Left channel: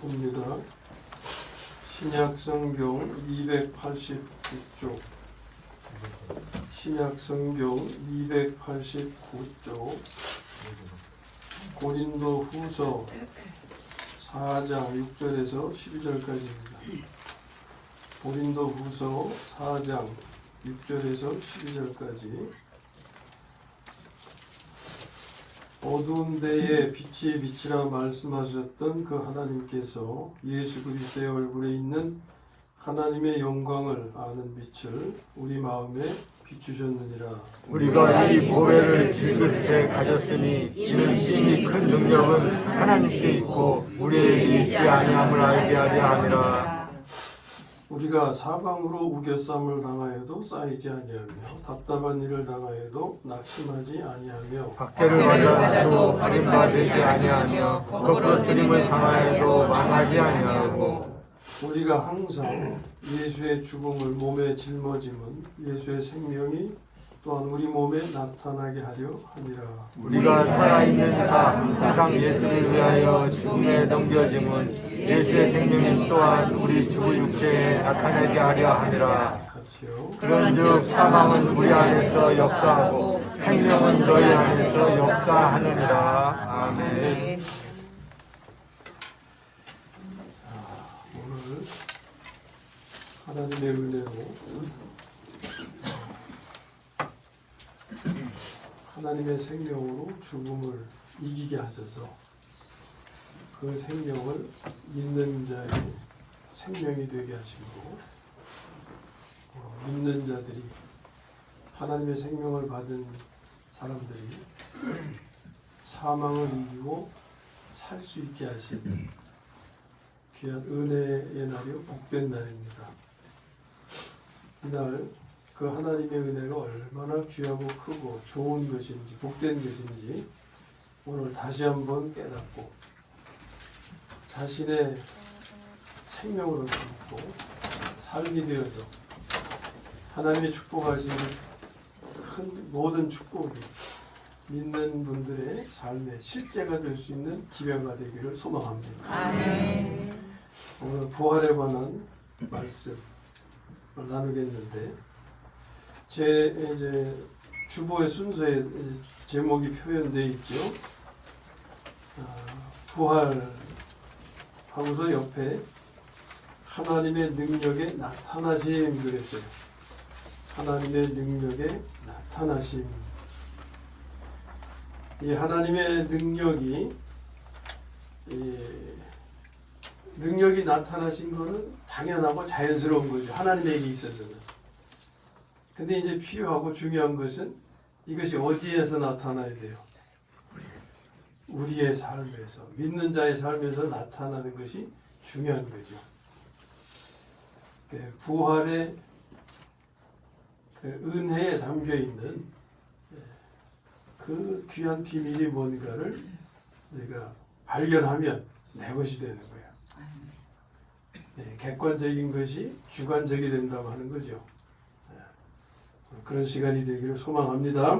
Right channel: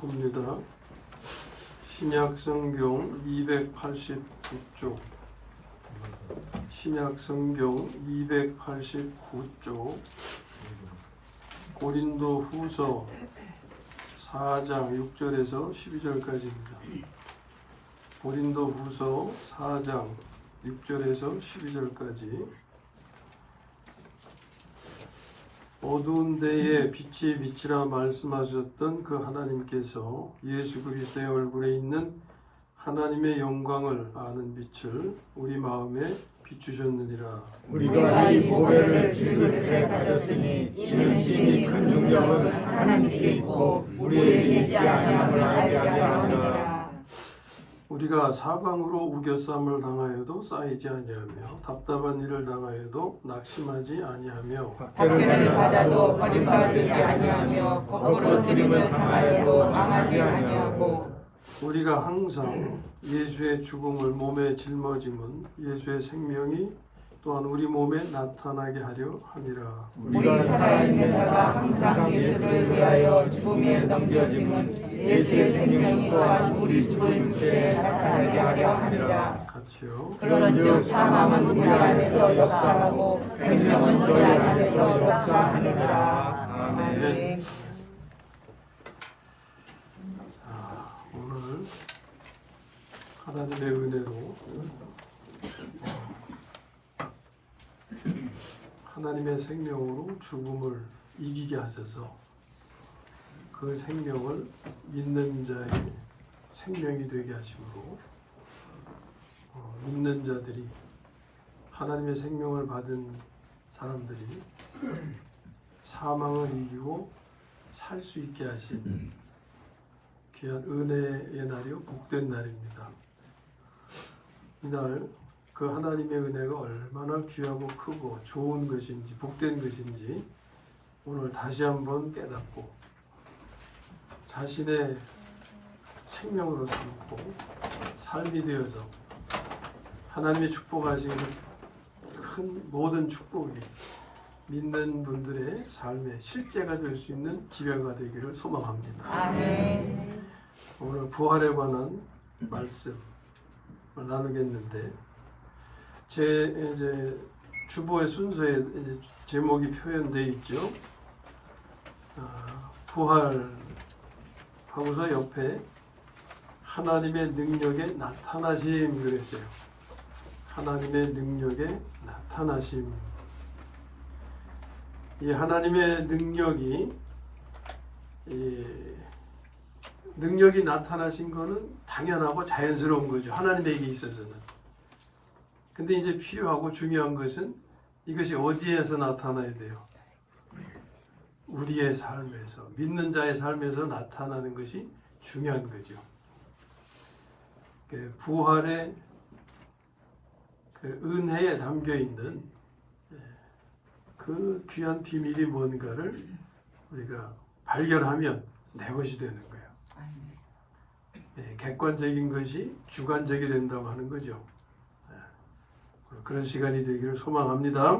봅니다. 신약성경 289쪽, 신약성경 289쪽, 고린도 후서 4장 6절에서 12절까지입니다. 고린도 후서 4장 6절에서 12절까지. 어두운 데에 빛이 빛이라 말씀하셨던 그 하나님께서 예수 그리스도의 얼굴에 있는 하나님의 영광을 아는 빛을 우리 마음에 비추셨느니라. 우리가 이 보배를 질그릇에 가졌으니 이는 심히 큰 능력은 하나님께 있고 우리에게 있지 아니함을 알게 하려 함이라. 우리가 사방으로 우겨쌈을 당하여도 쌓이지 아니하며 답답한 일을 당하여도 낙심하지 아니하며 박해를 받아도 버림받지 아니하며 거꾸러뜨림을 당하여도 망하지 아니하고 우리가 항상 예수의 죽음을 몸에 짊어짐은 예수의 생명이 또한 우리 몸에 나타나게 하려 함이라. 우리가 살아있는 자 항상 예수를 위하여 죽음에 넘겨짐은 예수의 생명이 또한 우리 죽은 육체에 나타나게 하려 함이라. 같이요. 그런즉 사망은 우리 안에서 역사하고 생명은 너희 안에서 역사하느니라. 아멘. 오늘 하나님의 은혜로 하나님의 생명으로 죽음을 이기게 하셔서 그 생명을 믿는 자의 생명이 되게 하시고 믿는 자들이 하나님의 생명을 받은 사람들이 사망을 이기고 살 수 있게 하신 귀한 은혜의 날이요 복된 날입니다. 이날 그 하나님의 은혜가 얼마나 귀하고 크고 좋은 것인지 복된 것인지 오늘 다시 한번 깨닫고 자신의 생명으로 삼고 살게 되어서 하나님의 축복하신 큰 모든 축복이 믿는 분들의 삶의 실제가 될 수 있는 기회가 되기를 소망합니다. 아멘. 오늘 부활에 관한 말씀을 나누겠는데 제 주보의 순서에 제목이 표현되어 있죠. 부활 하고서 옆에 하나님의 능력의 나타나심 그랬어요. 하나님의 능력의 나타나심. 이 하나님의 능력이 나타나신 것은 당연하고 자연스러운 거죠. 하나님에게 있어서는. 근데 이제 필요하고 중요한 것은 이것이 어디에서 나타나야 돼요? 우리의 삶에서, 믿는 자의 삶에서 나타나는 것이 중요한 거죠. 부활의 은혜에 담겨 있는 그 귀한 비밀이 뭔가를 우리가 발견하면 내 것이 되는 거예요. 객관적인 것이 주관적이 된다고 하는 거죠. 그런 시간이 되기를 소망합니다.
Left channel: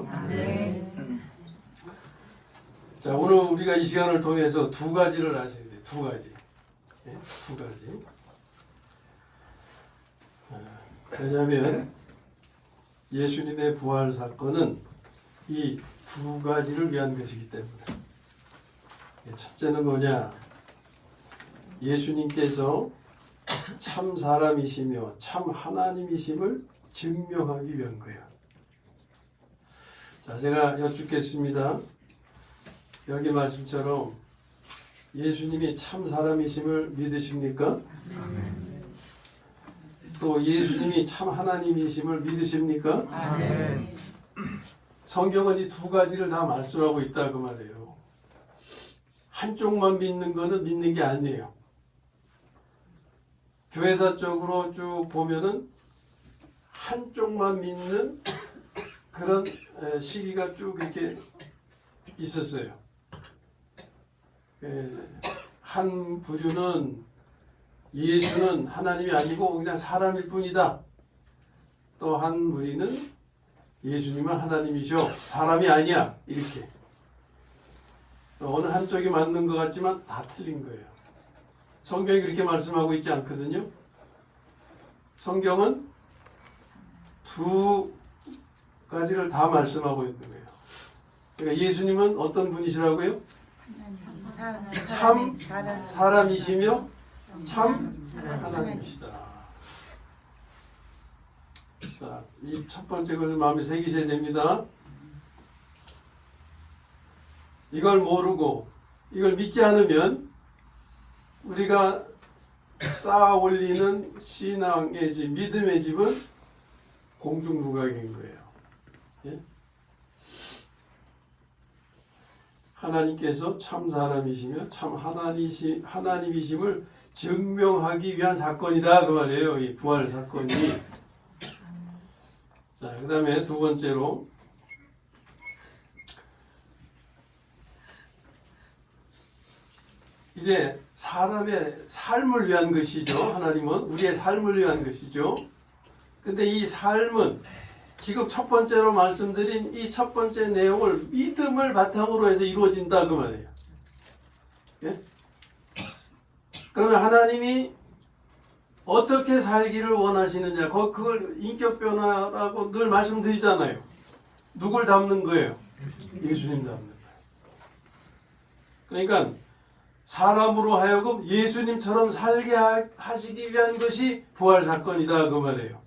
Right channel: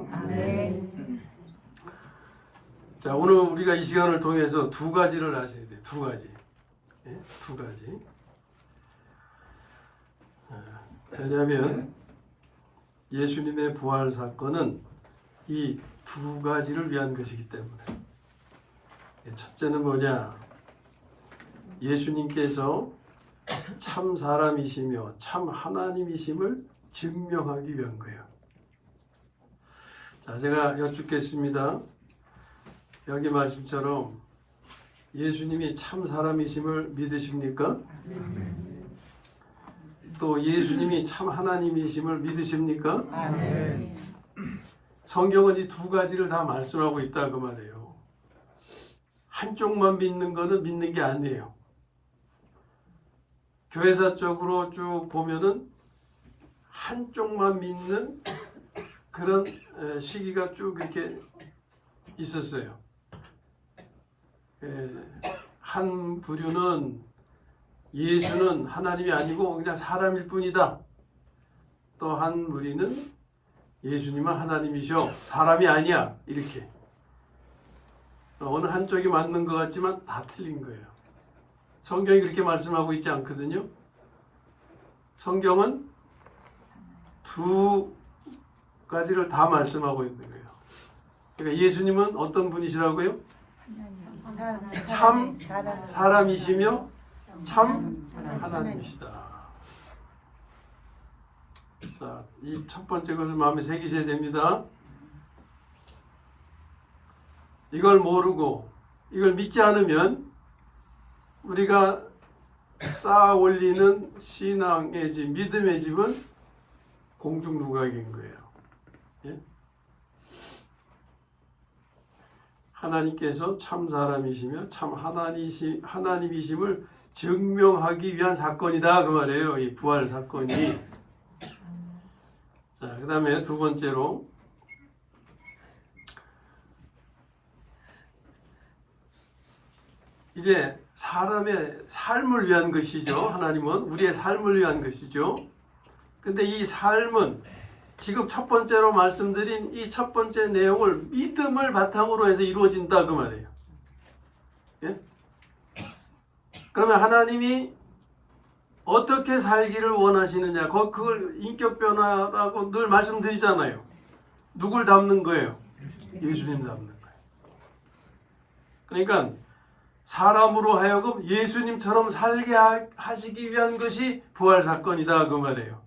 자, 오늘 우리가 이 시간을 통해서 두 가지를 아셔야 돼요. 두 가지. 두 가지. 왜냐하면 예수님의 부활 사건은 이 두 가지를 위한 것이기 때문에. 첫째는 뭐냐? 예수님께서 참 사람이시며 참 하나님이심을 증명하기 위한 거예요. 자, 제가 여쭙겠습니다. 여기 말씀처럼 예수님이 참 사람이심을 믿으십니까? 또 예수님이 참 하나님이심을 믿으십니까? 아멘. 성경은 이 두 가지를 다 말씀하고 있다 그 말이에요. 한쪽만 믿는 거는 믿는 게 아니에요. 교회사적으로 쭉 보면은 한쪽만 믿는 그런 시기가 쭉 이렇게 있었어요. 한 부류는 예수는 하나님이 아니고 그냥 사람일 뿐이다. 또 한 무리는 예수님은 하나님이시오, 사람이 아니야. 이렇게. 어느 한쪽이 맞는 것 같지만 다 틀린 거예요. 성경이 그렇게 말씀하고 있지 않거든요. 성경은 두 가지를 다 말씀하고 있는 거예요. 그러니까 예수님은 어떤 분이시라고요? 참 사람이시며 참 하나님이시다. 자, 이 첫 번째 것을 마음에 새기셔야 됩니다. 이걸 모르고 이걸 믿지 않으면 우리가 쌓아 올리는 신앙의 집, 믿음의 집은 공중부각인 거예요. 예? 하나님께서 참 사람이시며 참 하나님이심을 증명하기 위한 사건이다 그 말이에요. 이 부활 사건이. 자, 그 다음에 두 번째로 이제 사람의 삶을 위한 것이죠. 하나님은 우리의 삶을 위한 것이죠. 근데 이 삶은 지금 첫 번째로 말씀드린 이 첫 번째 내용을 믿음을 바탕으로 해서 이루어진다 그 말이에요. 예? 그러면 하나님이 어떻게 살기를 원하시느냐, 그걸 인격 변화라고 늘 말씀드리잖아요. 누굴 닮는 거예요? 예수님 닮는 거예요. 그러니까 사람으로 하여금 예수님처럼 살게 하시기 위한 것이 부활 사건이다 그 말이에요.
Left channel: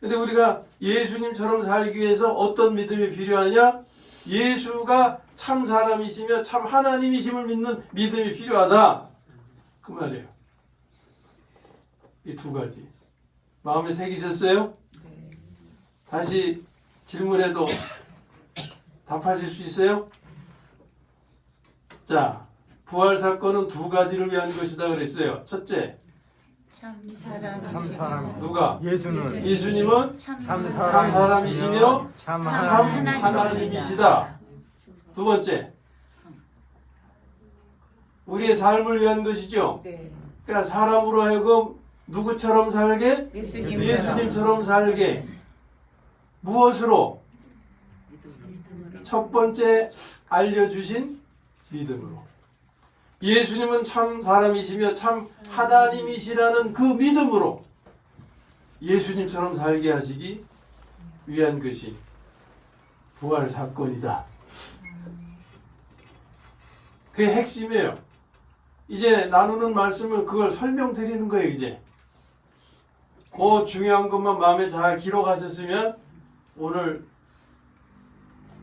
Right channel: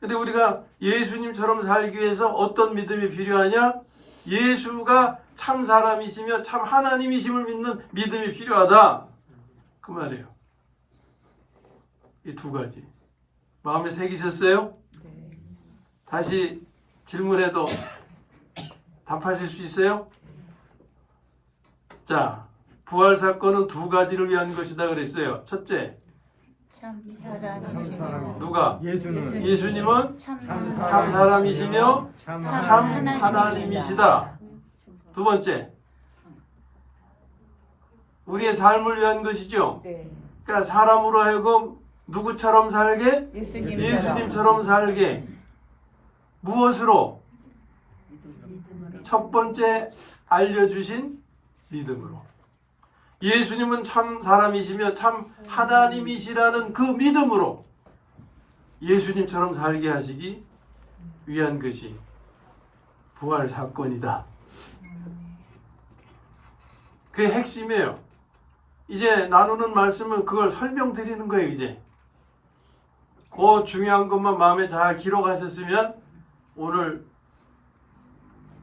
근데 우리가 예수님처럼 살기 위해서 어떤 믿음이 필요하냐? 예수가 참 사람이시며 참 하나님이심을 믿는 믿음이 필요하다 그 말이에요. 이 두 가지 마음에 새기셨어요? 다시 질문해도 답하실 수 있어요? 자, 부활 사건은 두 가지를 위한 것이다 그랬어요. 첫째, 참 사람. 누가? 예수는 예수님은 참 사람이시며 참 하나님이시다. 두 번째, 우리의 삶을 위한 것이죠. 그러니까 사람으로 하여금 누구처럼 살게? 예수님처럼 살게. 무엇으로? 첫 번째 알려주신 믿음으로. 예수님은 참 사람이시며 참 하나님이시라는 그 믿음으로 예수님처럼 살게 하시기 위한 것이 부활 사건이다. 그게 핵심이에요. 이제 나누는 말씀은 그걸 설명드리는 거예요. 이제 그 중요한 것만 마음에 잘 기록하셨으면 오늘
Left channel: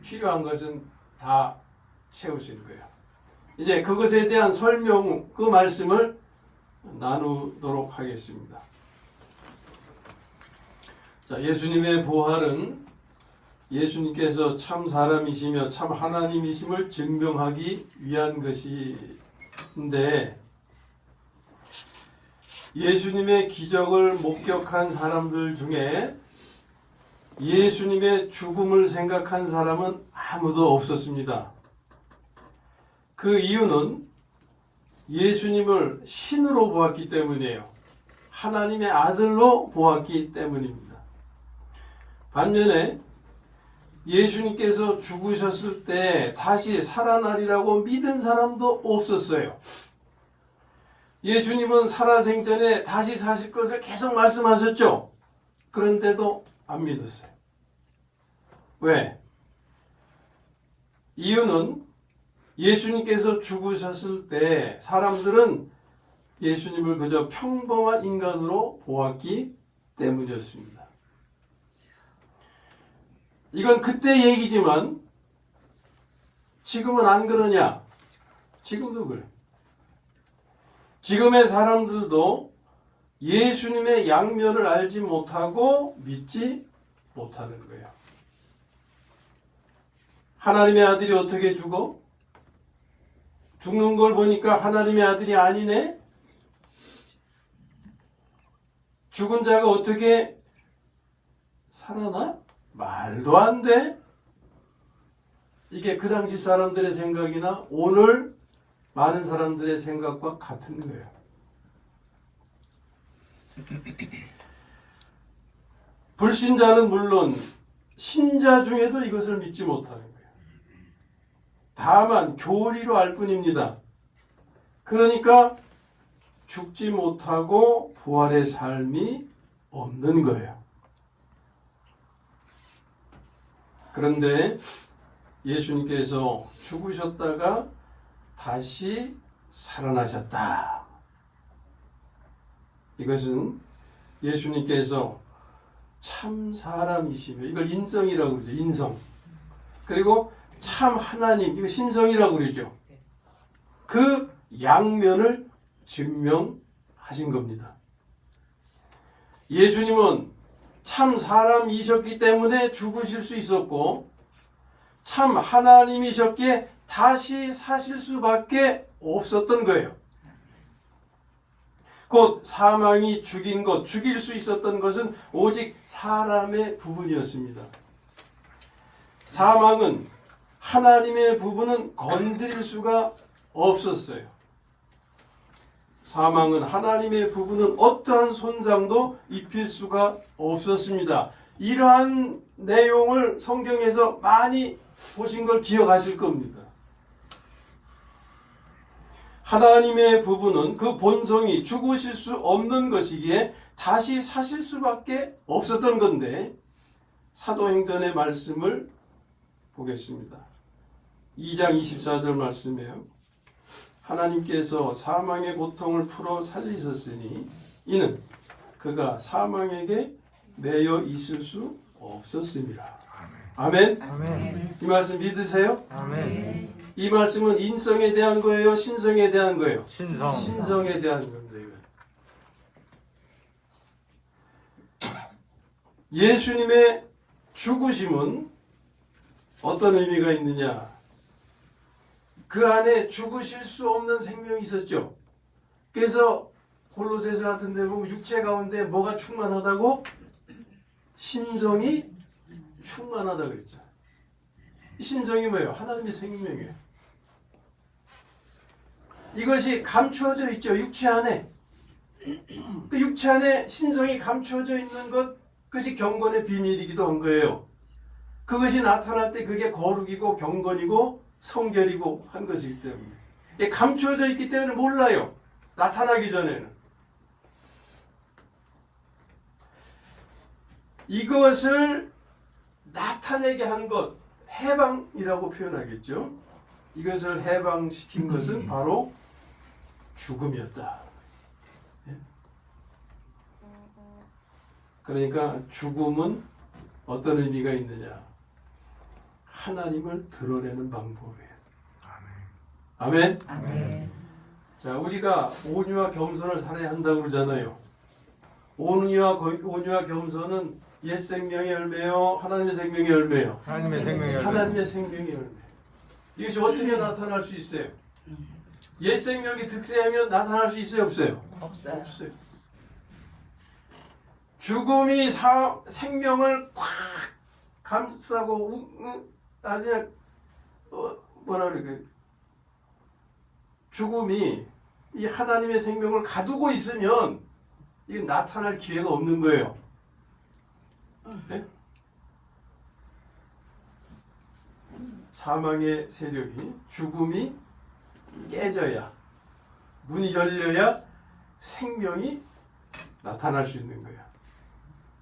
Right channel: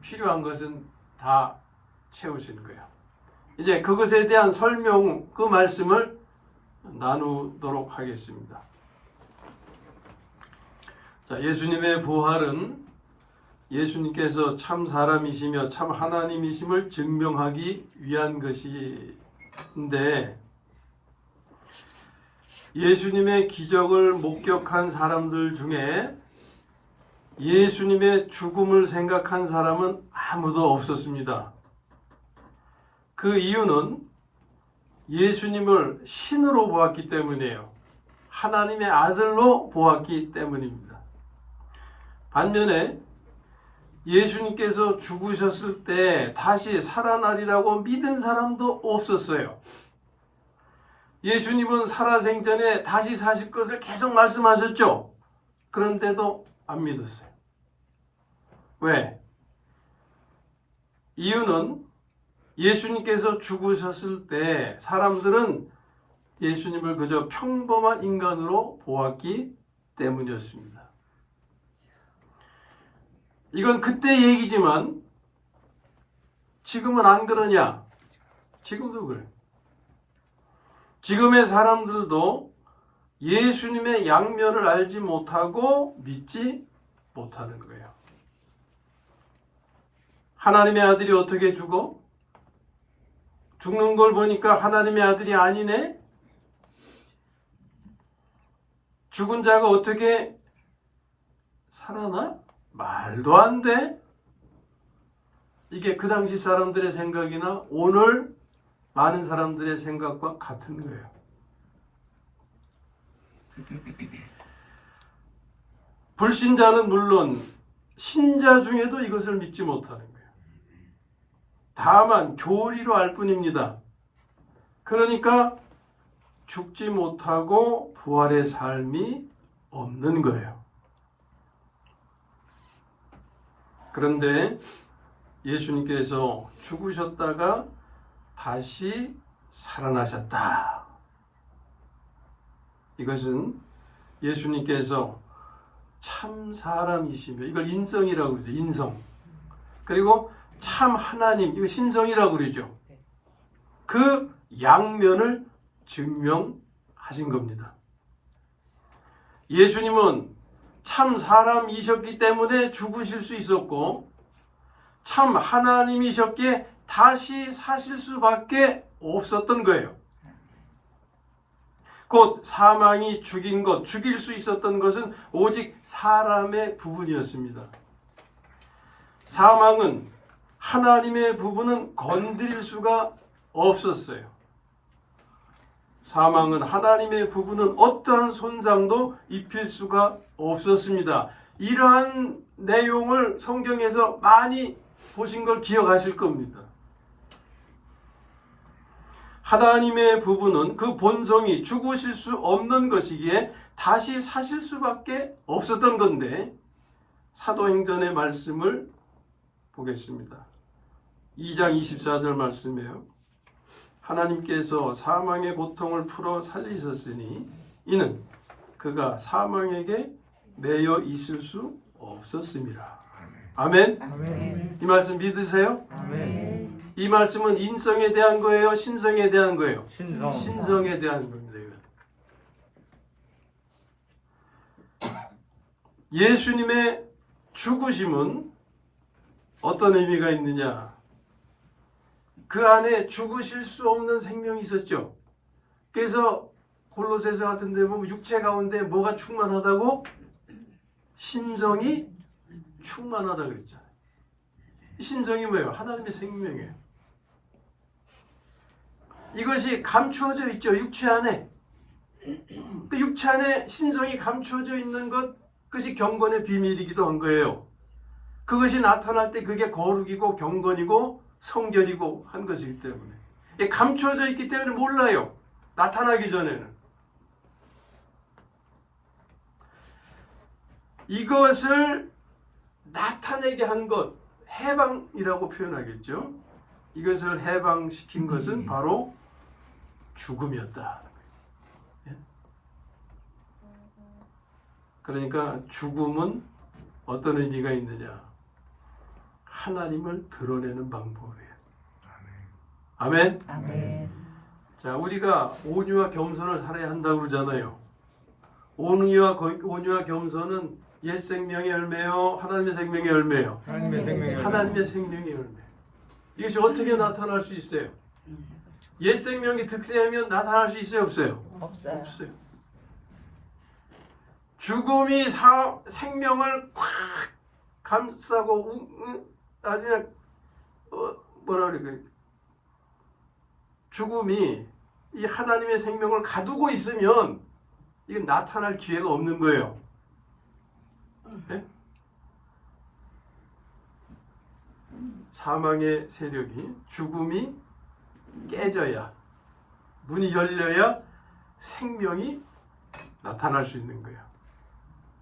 필요한 것은 다 채우시는 거예요. 이제 그것에 대한 설명, 그 말씀을 나누도록 하겠습니다. 자, 예수님의 부활은 예수님께서 참 사람이시며 참 하나님이심을 증명하기 위한 것인데, 예수님의 기적을 목격한 사람들 중에 예수님의 죽음을 생각한 사람은 아무도 없었습니다. 그 이유는 예수님을 신으로 보았기 때문이에요. 하나님의 아들로 보았기 때문입니다. 반면에 예수님께서 죽으셨을 때 다시 살아나리라고 믿은 사람도 없었어요. 예수님은 살아생전에 다시 사실 것을 계속 말씀하셨죠. 그런데도 안 믿었어요. 왜? 이유는 예수님께서 죽으셨을 때 사람들은 예수님을 그저 평범한 인간으로 보았기 때문이었습니다. 이건 그때 얘기지만 지금은 안 그러냐? 지금도 그래. 지금의 사람들도 예수님의 양면을 알지 못하고 믿지 못하는 거예요. 하나님의 아들이 어떻게 죽어? 죽는 걸 보니까 하나님의 아들이 아니네? 죽은 자가 어떻게 살아나? 말도 안 돼. 이게 그 당시 사람들의 생각이나 오늘 많은 사람들의 생각과 같은 거예요. 불신자는 물론 신자 중에도 이것을 믿지 못하는 거예요. 다만 교리로 알 뿐입니다. 그러니까 죽지 못하고 부활의 삶이 없는 거예요. 그런데 예수님께서 죽으셨다가 다시 살아나셨다. 이것은 예수님께서 참 사람이시며, 이걸 인성이라고 그러죠. 인성. 그리고 참 하나님, 이거 신성이라고 그러죠. 그 양면을 증명하신 겁니다. 예수님은 참 사람이셨기 때문에 죽으실 수 있었고, 참 하나님이셨기에 다시 사실 수밖에 없었던 거예요. 곧 사망이 죽인 것, 죽일 수 있었던 것은 오직 사람의 부분이었습니다. 사망은 하나님의 부분은 건드릴 수가 없었어요. 사망은 하나님의 부분은 어떠한 손상도 입힐 수가 없었습니다. 이러한 내용을 성경에서 많이 보신 걸 기억하실 겁니다. 하나님의 부분은 그 본성이 죽으실 수 없는 것이기에 다시 사실 수밖에 없었던 건데, 사도행전의 말씀을 보겠습니다. 2장 24절 말씀이에요. 하나님께서 사망의 고통을 풀어 살리셨으니 이는 그가 사망에게 매여 있을 수 없었습니다. 아멘. 아멘. 이 말씀 믿으세요? 아멘. 이 말씀은 인성에 대한 거예요? 신성에 대한 거예요? 신성. 신성에 대한 겁니다. 예수님의 죽으심은 어떤 의미가 있느냐? 그 안에 죽으실 수 없는 생명이 있었죠. 그래서 골로새서 같은 데 보면 육체 가운데 뭐가 충만하다고? 신성이 충만하다고 그랬잖아요. 신성이 뭐예요? 하나님의 생명이에요. 이것이 감추어져 있죠. 육체 안에. 그 육체 안에 신성이 감추어져 있는 것, 그것이 경건의 비밀이기도 한 거예요. 그것이 나타날 때 그게 거룩이고 경건이고 성결이고 한 것이기 때문에. 감추어져 있기 때문에 몰라요. 나타나기 전에는. 이것을 나타내게 한 것, 해방이라고 표현하겠죠. 이것을 해방시킨 것은 바로 죽음이었다. 그러니까 죽음은 어떤 의미가 있느냐? 하나님을 드러내는 방법이에요. 아멘. 아멘. 자, 우리가 온유와 겸손을 살아야 한다고 그러잖아요. 온유와 겸손은 옛 생명의 열매요, 하나님의 생명의 열매요. 하나님의 생명의 열매. 하나님의 생명의 열매. 이것이 어떻게 나타날 수 있어요? 옛 생명이 득세하면 나타날 수 있어요, 없어요? 없어요. 죽음이 생명을 콱 감싸고 뭐라 그래? 죽음이 이 하나님의 생명을 가두고 있으면 이게 나타날 기회가 없는 거예요. 네? 사망의 세력이, 죽음이 깨져야, 문이 열려야 생명이 나타날 수 있는 거예요.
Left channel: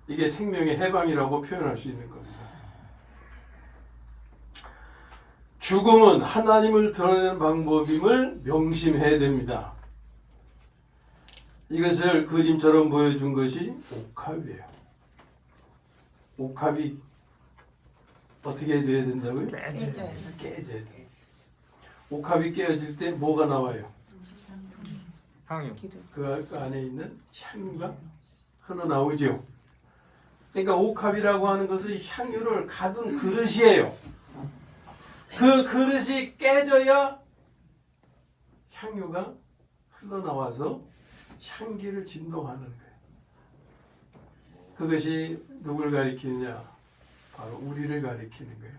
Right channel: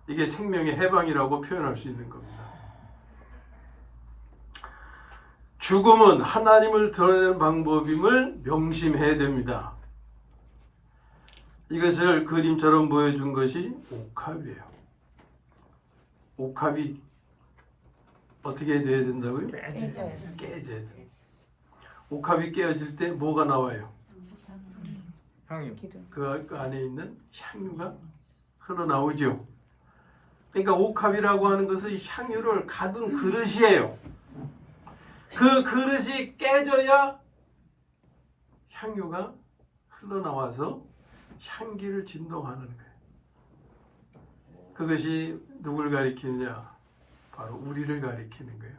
이게 생명의 해방이라고 표현할 수 있는 겁니다. 죽음은 하나님을 드러내는 방법임을 명심해야 됩니다. 이것을 그림처럼 보여준 것이 옥합이에요. 옥합이 어떻게 돼야 된다고요? 깨져야 돼요. 옥합이 깨어질 때 뭐가 나와요? 향유. 그 안에 있는 향유가 흘러나오죠. 그러니까 옥합이라고 하는 것은 향유를 가둔 그릇이에요. 그 그릇이 깨져야 향유가 흘러나와서 향기를 진동하는 거예요. 그것이 누굴 가리키느냐? 바로 우리를 가리키는 거예요.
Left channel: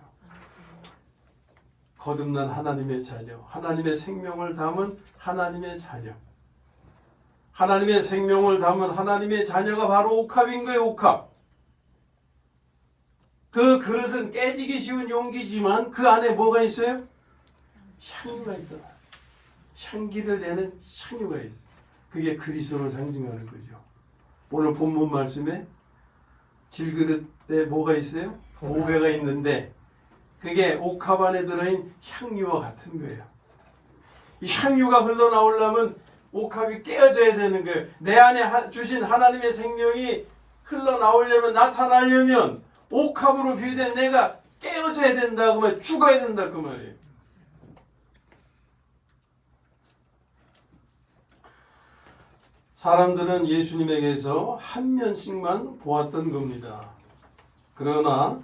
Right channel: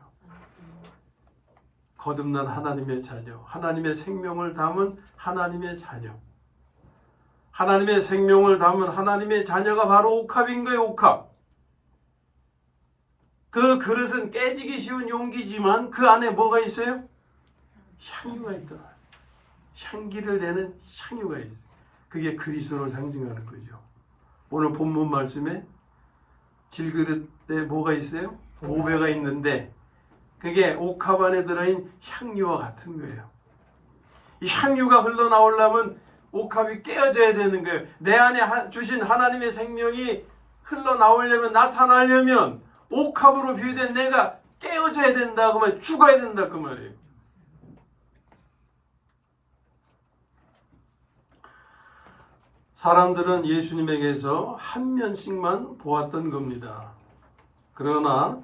거듭난 하나님의 자녀, 하나님의 생명을 담은 하나님의 자녀. 하나님의 생명을 담은 하나님의 자녀가 바로 옥합인 거예요, 옥합. 그 그릇은 깨지기 쉬운 용기지만 그 안에 뭐가 있어요? 향유가 있더라. 향기를 내는 향유가 있어요. 그게 그리스도를 상징하는 거죠. 오늘 본문 말씀에 질그릇에 뭐가 있어요? 보배가 있는데 그게 옥합 안에 들어있는 향유와 같은 거예요. 이 향유가 흘러나오려면 옥합이 깨어져야 되는 거예요. 내 안에 주신 하나님의 생명이 흘러나오려면, 나타나려면 옥합으로 비유된 내가 깨어져야 된다 그 말, 죽어야 된다 그 말이에요. 사람들은 예수님에게서 한 면씩만 보았던 겁니다. 그러나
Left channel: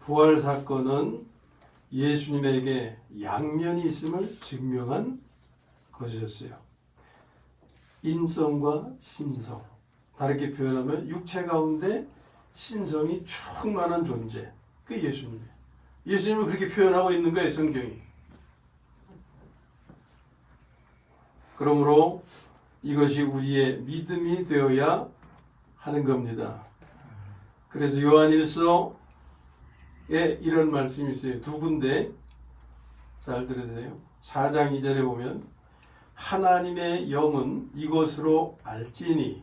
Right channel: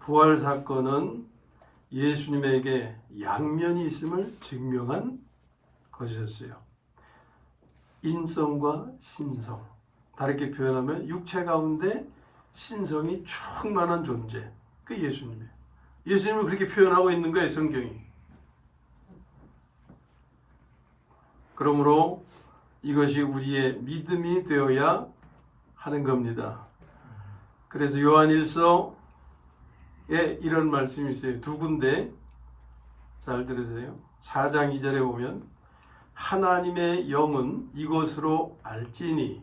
부활 사건은 예수님에게 양면이 있음을 증명한 것이었어요. 인성과 신성. 다르게 표현하면 육체 가운데 신성이 충만한 존재. 그게 예수님이에요. 예수님은 그렇게 표현하고 있는 거예요, 성경이. 그러므로 이것이 우리의 믿음이 되어야 하는 겁니다. 그래서 요한일서에 이런 말씀이 있어요. 두 군데 잘 들으세요. 4장 2절에 보면 하나님의 영은 이것으로 알지니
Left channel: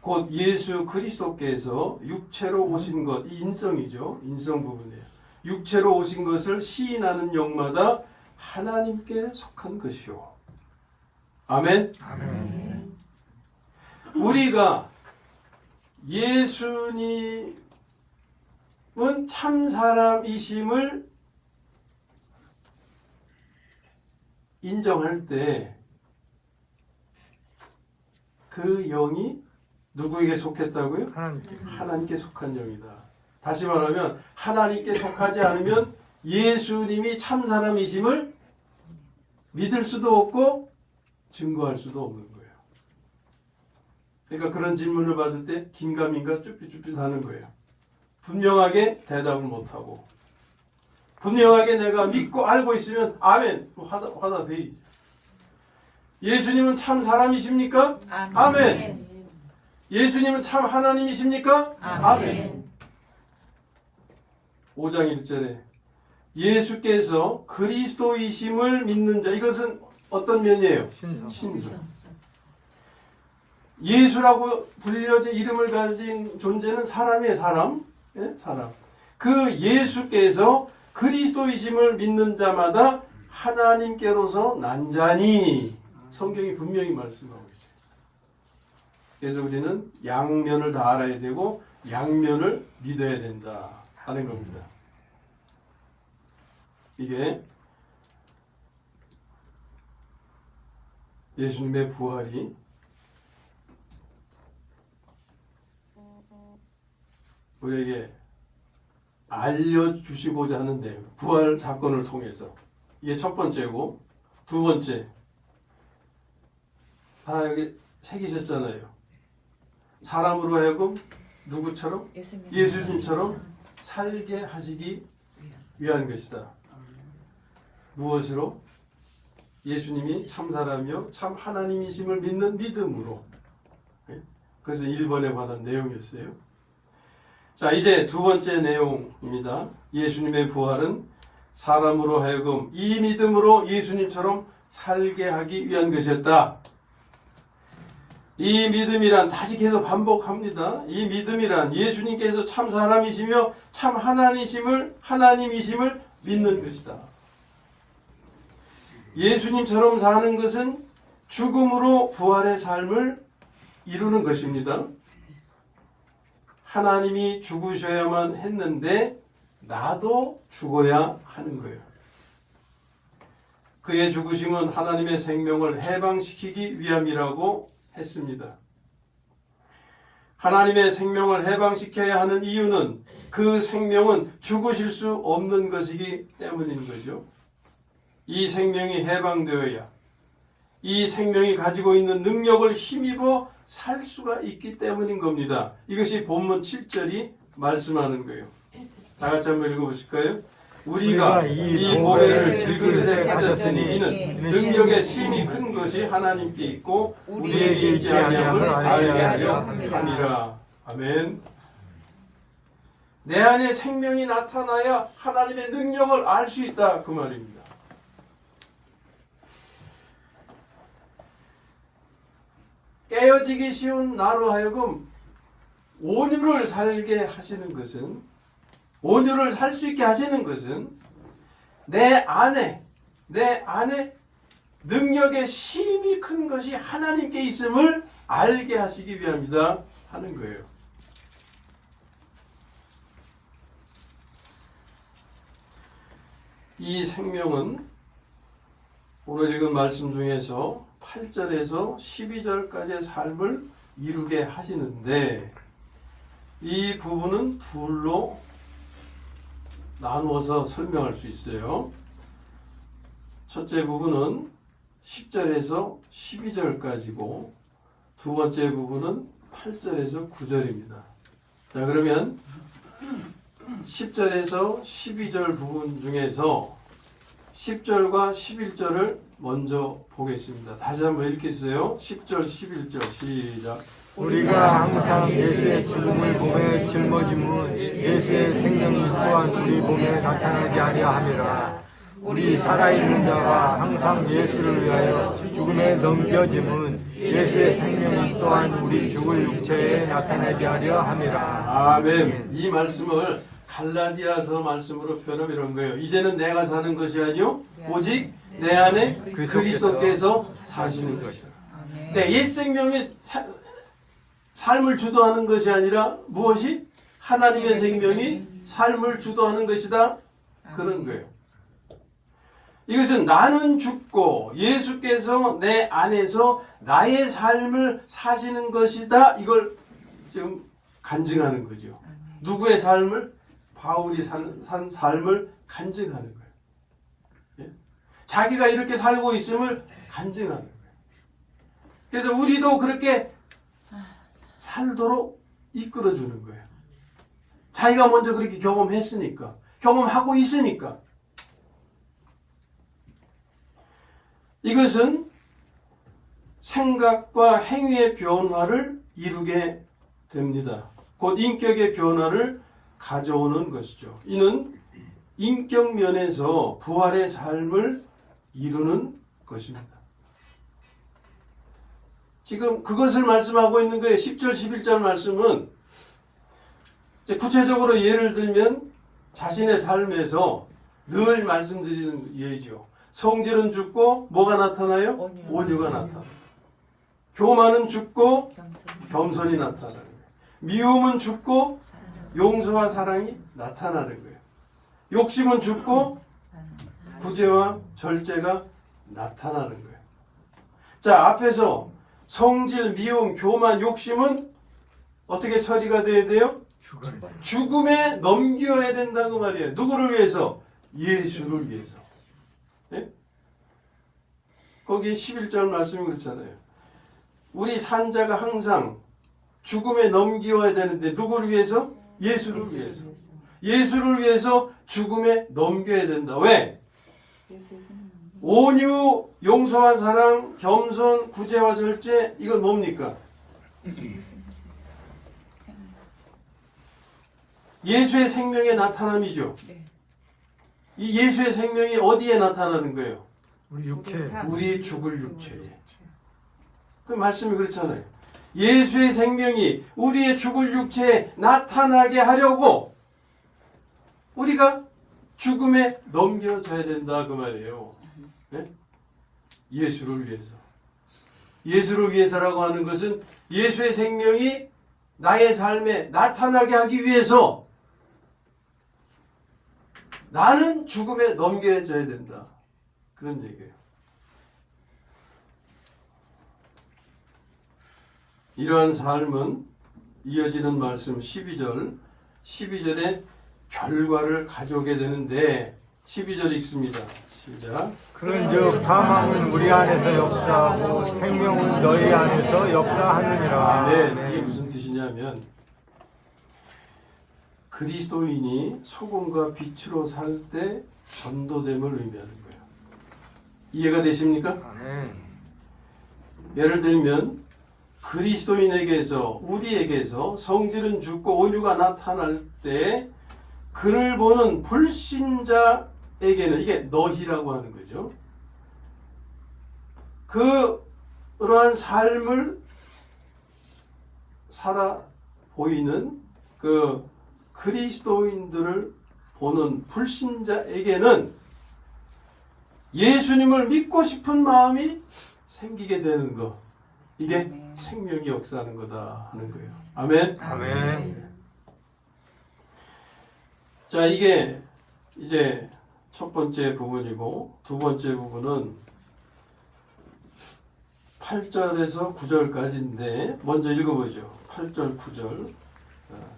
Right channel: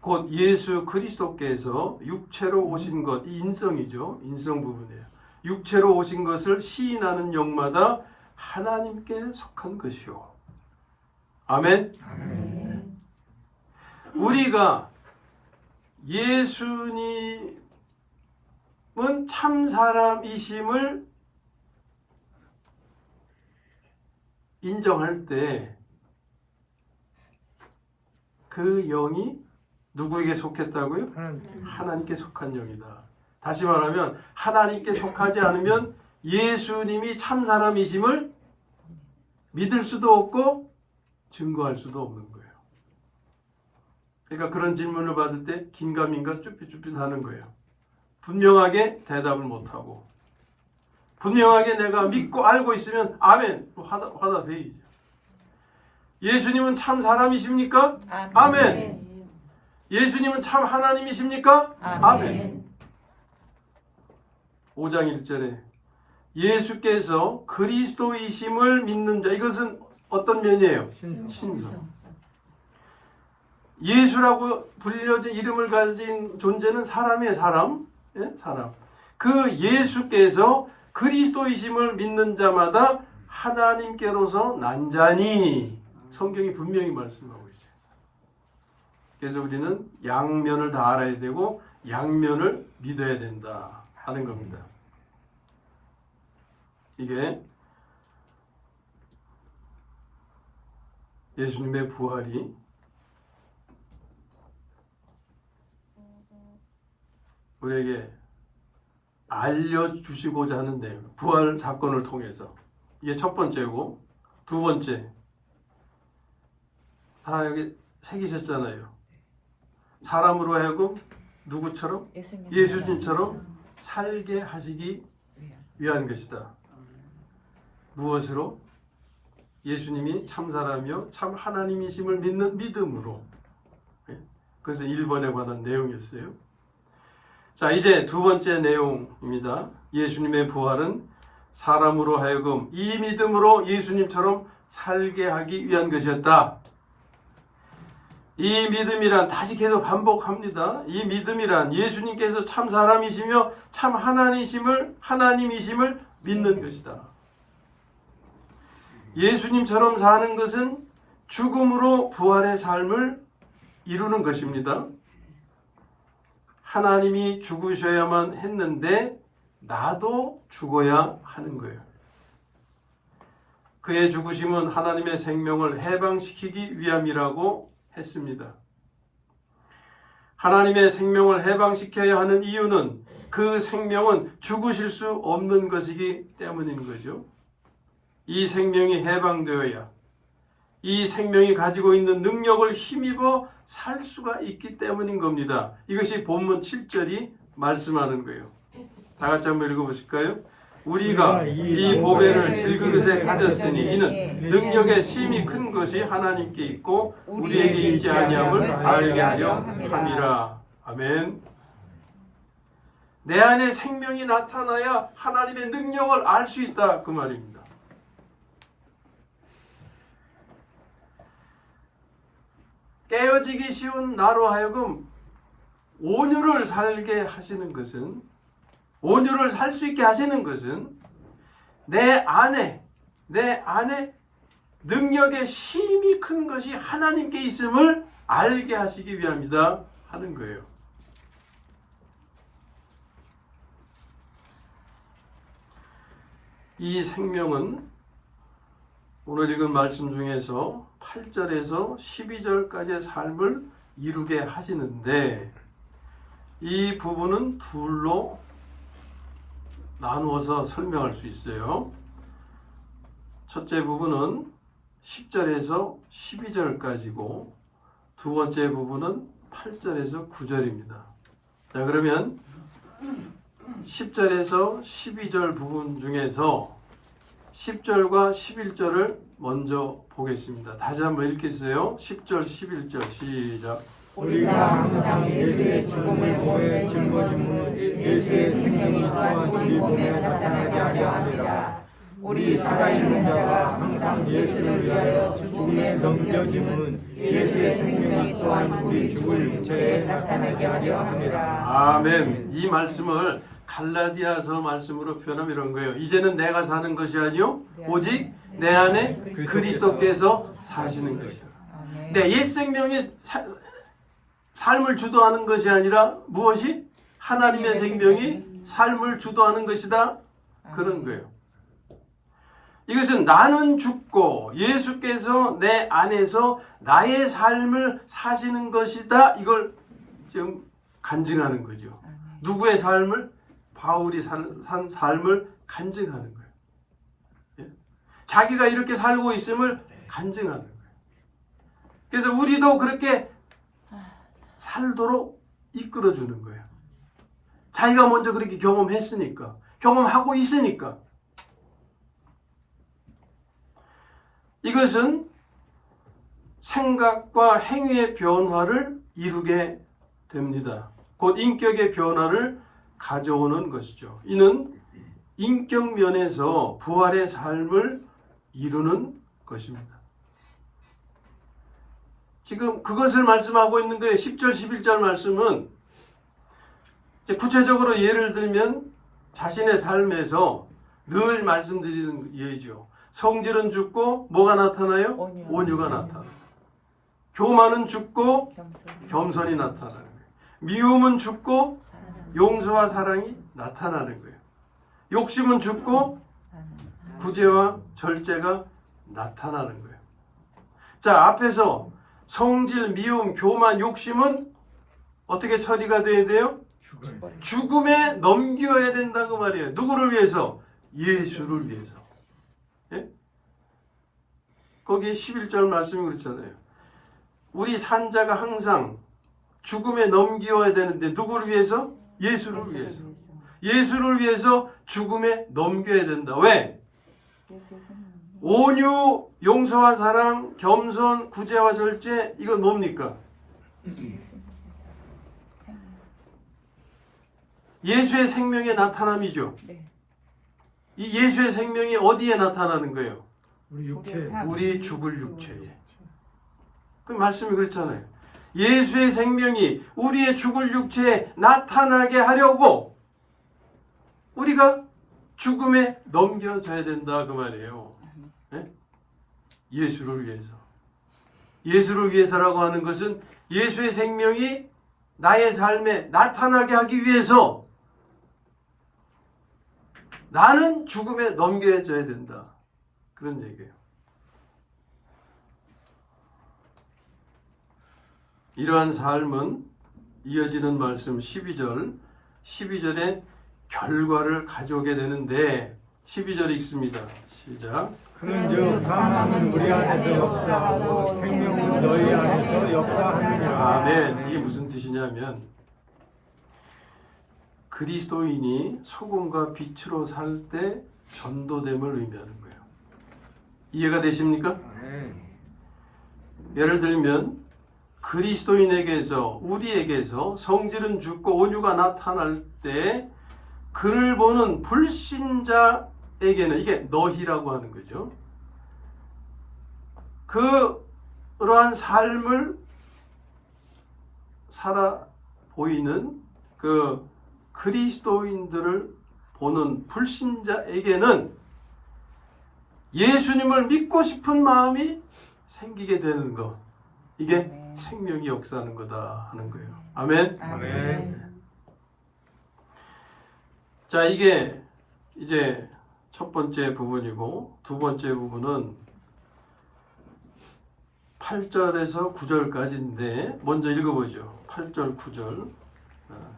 곧 예수 그리스도께서 육체로 오신 것, 이 인성이죠. 인성 부분이에요. 육체로 오신 것을 시인하는 영마다 하나님께 속한 것이요. 아멘. 아멘. 우리가 예수님은 참 사람이심을 인정할 때 그 영이 누구에게 속했다고요? 하나님께 속한 영이다. 다시 말하면 하나님께 속하지 않으면 예수님이 참 사람이심을 믿을 수도 없고 증거할 수도 없는 거예요. 그러니까 그런 질문을 받을 때 긴가민가 쭈삣쭈삣 하는 거예요. 분명하게 대답을 못하고 분명하게 내가 믿고 알고 있으면 아멘 하다 되지. 예수님은 참 사람이십니까? 아멘. 예수님은 참 하나님이십니까? 아멘. 5장 1절에 예수께서 그리스도이심을 믿는 자, 이것은 어떤 면이에요? 신성. 예수라고 불려져 이름을 가진 존재는 사람이에요. 사람. 예? 사람. 그 예수께서 그리스도이심을 믿는 자마다 하나님께로서 난 자니 성경이 분명히 말씀하고 있어요. 그래서 우리는 양면을 다 알아야 되고 양면을 믿어야 된다 하는 겁니다. 이게 예수님의 부활이 우리에게 알려주시고자 하는 내용, 부활 사건을 통해서. 이게 첫 번째고, 두 번째, 다 여기 새기셨잖아요. 사람으로 하여금 누구처럼? 예수님처럼 살게 하시기 위한 것이다. 무엇으로? 예수님이 참 사람이요 참 하나님이심을 믿는 믿음으로. 그래서 1번에 관한 내용이었어요. 자, 이제 두 번째 내용입니다. 예수님의 부활은 사람으로 하여금 이 믿음으로 예수님처럼 살게 하기 위한 것이었다. 이 믿음이란, 다시 계속 반복합니다. 이 믿음이란 예수님께서 참 사람이시며 참 하나님이심을 믿는 것이다. 예수님처럼 사는 것은 죽음으로 부활의 삶을 이루는 것입니다. 하나님이 죽으셔야만 했는데 나도 죽어야 하는 거예요. 그의 죽으심은 하나님의 생명을 해방시키기 위함이라고 했습니다. 하나님의 생명을 해방시켜야 하는 이유는 그 생명은 죽으실 수 없는 것이기 때문인 거죠. 이 생명이 해방되어야 이 생명이 가지고 있는 능력을 힘입어 살 수가 있기 때문인 겁니다. 이것이 본문 7절이 말씀하는 거예요. 다 같이 한번 읽어보실까요? 우리가 이 보배를 질그릇에 가졌으니 이는 능력의 심이 큰 것이 하나님께 있고 우리에게 있지 아니함을 알게 하려 함이라. 아멘. 내 안에 생명이 나타나야 하나님의 능력을 알 수 있다 그 말입니다. 깨어지기 쉬운 나로 하여금 온유를 살게 하시는 것은, 온유를 살 수 있게 하시는 것은 내 안에 능력의 힘이 큰 것이 하나님께 있음을 알게 하시기 위함이다 하는 거예요. 이 생명은 오늘 읽은 말씀 중에서 8절에서 12절까지의 삶을 이루게 하시는데, 이 부분은 둘로 나누어서 설명할 수 있어요. 첫째 부분은 10절에서 12절까지고 두 번째 부분은 8절에서 9절입니다. 자, 그러면 10절에서 12절 부분 중에서 10절과 11절을 먼저 보겠습니다. 다시 한번 읽겠어요. 10절, 11절 시작. 우리가 항상 예수의 죽음을 보며 짊어짐은 예수의 생명이 또한 우리 몸에 나타나게 하려 함이라. 우리 살아있는 자가 항상 예수를 위하여 죽음에 넘겨짐은 예수의 생명이 또한 우리 죽을 육체에 나타나게 하려 함이라. 아멘. 이 말씀을 갈라디아서 말씀으로 표현하면 이런 거예요. 이제는 내가 사는 것이 아니요 오직 내 안에 그리스도께서 사시는 것이다. 네, 옛 생명이 삶을 주도하는 것이 아니라 무엇이? 하나님의 생명이 삶을 주도하는 것이다. 그런 거예요. 이것은 나는 죽고 예수께서 내 안에서 나의 삶을 사시는 것이다. 이걸 지금 간증하는 거죠. 누구의 삶을? 바울이 산 삶을 간증하는 거예요. 예? 자기가 이렇게 살고 있음을 간증하는 거예요. 그래서 우리도 그렇게 살도록 이끌어주는 거예요. 자기가 먼저 그렇게 경험했으니까, 경험하고 있으니까. 이것은 생각과 행위의 변화를 이루게 됩니다. 곧 인격의 변화를 가져오는 것이죠. 이는 인격 면에서 부활의 삶을 이루는 것입니다. 지금 그것을 말씀하고 있는 거예요. 10절, 11절 말씀은 구체적으로 예를 들면 자신의 삶에서 늘 말씀드리는 예죠. 성질은 죽고 뭐가 나타나요? 온유가 나타나요. 교만은 죽고 겸손이 나타나는 거예요. 미움은 죽고 용서와 사랑이 나타나는 거예요. 욕심은 죽고 구제와 절제가 나타나는 거예요. 자, 앞에서 성질, 미움, 교만, 욕심은 어떻게 처리가 돼야 돼요? 죽음에 넘겨야 된다고 말이에요. 누구를 위해서? 예수를 위해서. 예? 거기 11절 말씀이 그렇잖아요. 우리 산자가 항상 죽음에 넘겨야 되는데 누구를 위해서? 예수를 위해서. 예수를 위해서 죽음에 넘겨야 된다. 왜? 온유, 용서와 사랑, 겸손, 구제와 절제, 이건 뭡니까? 예수의 생명의 나타남이죠. 이 예수의 생명이 어디에 나타나는 거예요? 우리 육체. 우리 죽을 육체에. 그 말씀이 그렇잖아요. 예수의 생명이 우리의 죽을 육체에 나타나게 하려고 우리가 죽음에 넘겨져야 된다 그 말이에요. 네? 예수를 위해서. 예수를 위해서라고 하는 것은 예수의 생명이 나의 삶에 나타나게 하기 위해서 나는 죽음에 넘겨져야 된다. 그런 얘기예요. 이러한 삶은 이어지는 말씀 12절에 결과를 가져오게 되는데 12절 읽습니다. 시작. 그런즉 사망은 우리 안에서 역사하고 생명은 너희 안에서 역사하느니라. 네, 이게 무슨 뜻이냐면 그리스도인이 소금과 빛으로 살 때 전도됨을 의미하는 거예요. 이해가 되십니까? 아멘. 예를 들면 그리스도인에게서 우리에게서 성질은 죽고 온유가 나타날 때 그를 보는 불신자에게는 이게 너희라고 하는 거죠. 그러한 삶을 살아 보이는 그 그리스도인들을 보는 불신자에게는 예수님을 믿고 싶은 마음이 생기게 되는 거, 이게 아멘. 생명이 역사하는 거다 하는 거예요. 아멘. 아멘. 자, 이게 이제 첫 번째 부분이고, 두 번째 부분은 8절에서 9절까지인데 먼저 읽어보죠. 8절, 9절.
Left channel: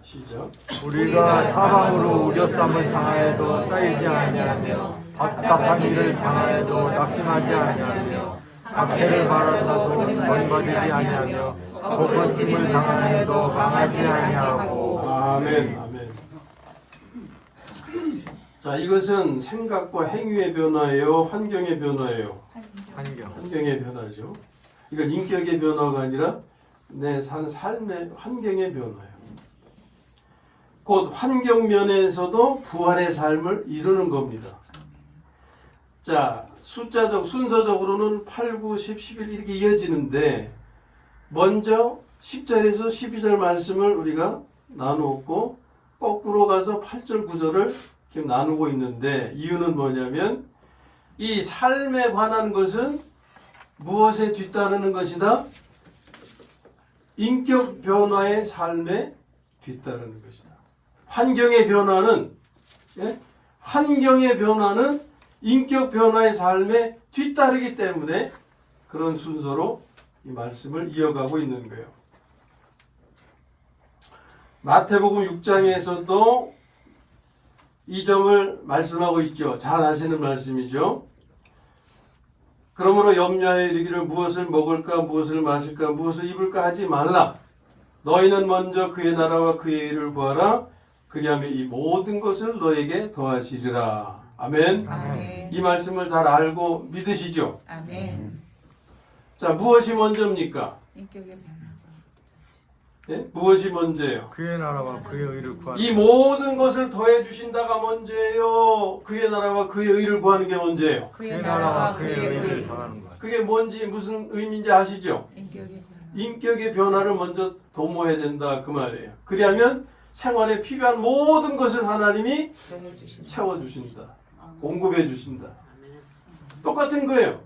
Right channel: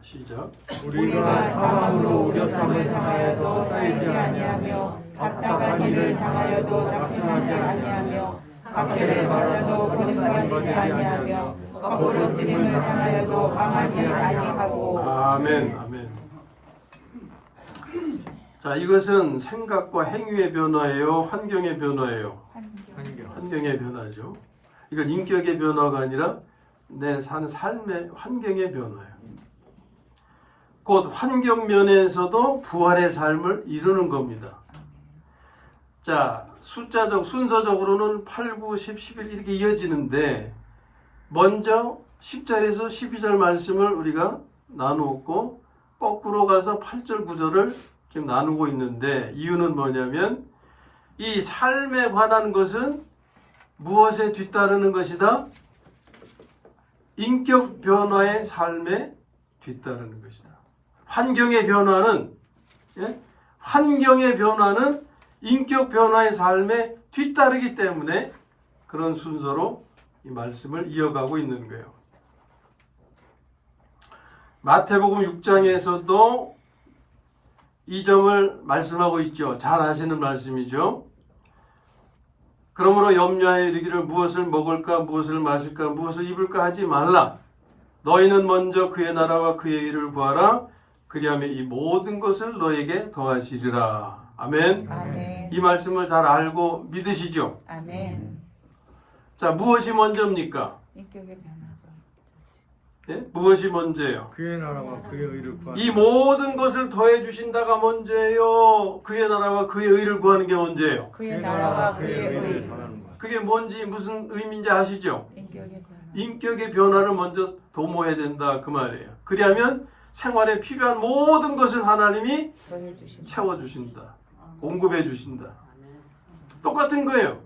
시작. 우리가 사방으로 우겨쌈을 당하여도 쌓이지 아니하며 답답한 일을 당하여도 낙심하지 아니하며 박해를 받아도 구원받지 아니하며 먹을짐을 당하여도 망하지 아니하고. 아멘. 아멘. 자, 이것은 생각과 행위의 변화예요, 환경의 변화예요? 환경. 환경의 변화죠. 이건 인격의 변화가 아니라 내 사는 삶의 환경의 변화예요. 곧 환경 면에서도 부활의 삶을 이루는 겁니다. 자, 숫자적 순서적으로는 8, 9, 10, 11 이렇게 이어지는데 먼저 10절에서 12절 말씀을 우리가 나누었고 거꾸로 가서 8절, 9절을 지금 나누고 있는데 이유는 뭐냐면 이 삶에 관한 것은 무엇에 뒤따르는 것이다? 인격 변화의 삶에 뒤따르는 것이다. 환경의 변화는 환경의 변화는 인격 변화의 삶에 뒤따르기 때문에 그런 순서로 이 말씀을 이어가고 있는 거예요. 마태복음 6장에서도 이 점을 말씀하고 있죠. 잘 아시는 말씀이죠. 그러므로 염려하여 이르기를 무엇을 먹을까 무엇을 마실까 무엇을 입을까 하지 말라. 너희는 먼저 그의 나라와 그의 일을 구하라. 그리하면 이 모든 것을 너에게 더하시리라. 아멘. 아멘. 이 말씀을 잘 알고 믿으시죠? 아멘. 자, 무엇이 먼저입니까? 인격의 변화. 예? 무엇이 먼저예요? 그의 나라와 그의 의를 구하라. 이 모든 것을 더해 주신다가 먼저예요. 그의 나라와 그의 의를 구하는 게 먼저예요. 그의 나라와 그의 의를 당하는 것. 그게 뭔지 무슨 의미인지 아시죠? 인격의 변화. 인격의 변화를 먼저 도모해야 된다 그 말이에요. 그리하면 생활에 필요한 모든 것을 하나님이 너희 주신 채워주신다. 공급해 주신다. 똑같은 거예요.